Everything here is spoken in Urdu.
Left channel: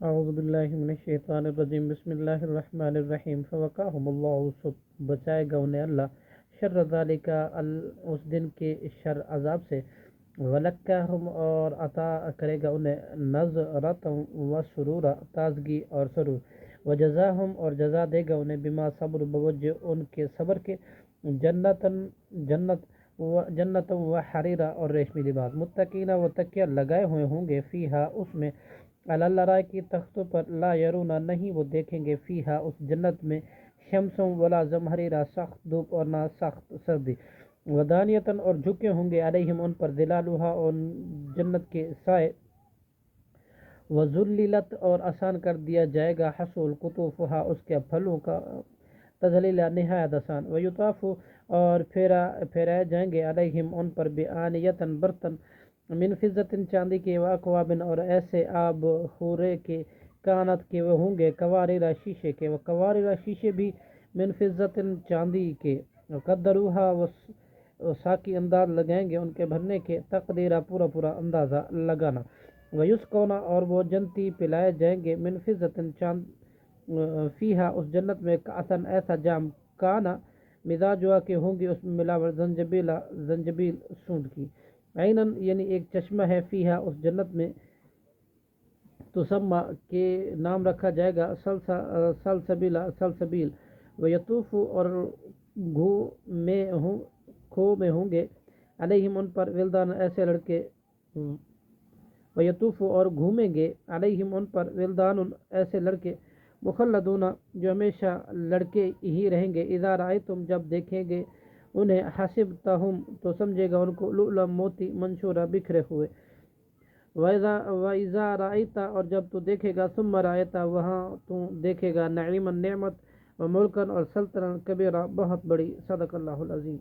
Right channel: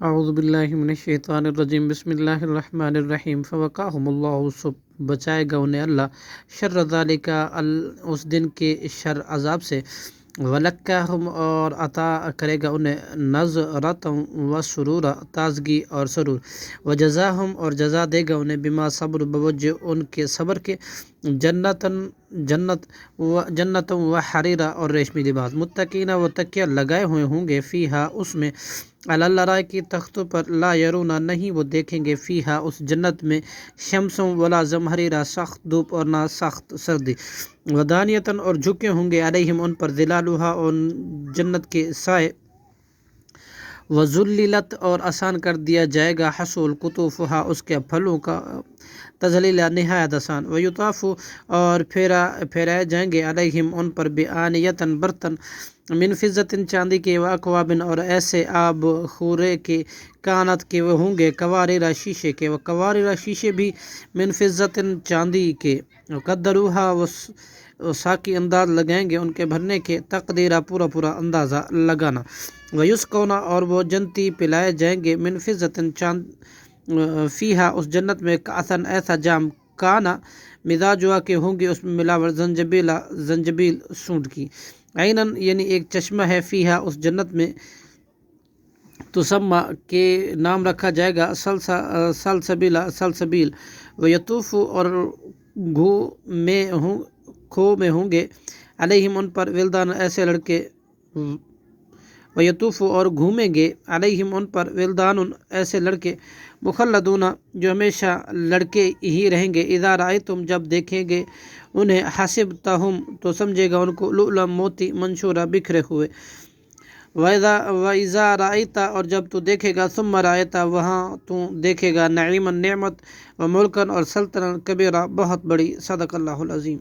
اعوذ باللہ من الشیطان الرجیم بسم اللہ الرحمن الرحیم فوقاہم اللہ، سب بچائے گا انہیں اللہ شر ذالک اس دن کے شر عذاب سے، ولکہم اور عطا کرے گا انہیں نظرۃ و سرور تازگی اور سرور، وجزاہم اور جزا دے گا انہیں بما صبر بوجہ ان کے صبر کے، جنت و حریرہ اور ریشمی لباس، متقین و تکیہ لگائے ہوئے ہوں گے، فیہا اس میں، علی الارائک تختوں پر، لا یرونا نہیں وہ دیکھیں گے، فیہا اس جنت میں، شمس ولا زمہریرہ سخت دھوپ اور نہ سخت سردی، ودانیتاً اور جھکے ہوں گے، علیہم ان پر، ظلالھا اور جنت کے سائے، وذللت اور آسان کر دیا جائے گا، حصول قطوفہا اس کے پھلوں کا تذلیل نہایت آسان، ویطاف اور پھیرائے جائیں گے، علیہم ان پر، بآنیتاً برتن، من فضۃ چاندی کے، واکواب اور ایسے آب خورے کے، کانت کے وہ ہوں گے، قواریر شیشے کے، وقواریر شیشے بھی، من فضۃ چاندی کے، قدروہا وہ ساقی انداز لگائیں گے ان کے بھرنے کے، تقدیرہ پورا پورا اندازہ لگانا، ویسقونا اور وہ جنتی پلائے جائیں گے، من فضۃ چاند، فیہا اس جنت میں، کأساً ایسا جام، کانا مزاجها کے ہوں گے اس میں ملاوٹ، زنجبیل سونٹ کی، عیناً یعنی ایک چشمہ ہے، فیہا اس جنت میں، تسمہ کے نام رکھا جائے گا، سلسبیل، ویطوف اور کھو میں ہوں گے، علیہم ان پر، ولدان ایسے لڑکے، ویطوف اور گھومیں گے، علیہم ان پر، ولدان ایسے لڑکے، مخلدون جو ہمیشہ لڑکے ہی رہیں گے، اذا رأیتم جب دیکھیں گے انہیں، حسبتہم تو سمجھے گا ان کو، لؤلؤا موتی، منثورا بکھرے ہوئے، وَإِذَا رَأَيْتَ اور جب تو دیکھے گا، ثُمَّ رَأَيْتَ وہاں تو دیکھے گا، نعیمًا نعمت، وملکاً اور سلطنت کبیرہ بہت بڑی، صدق اللہ العظیم۔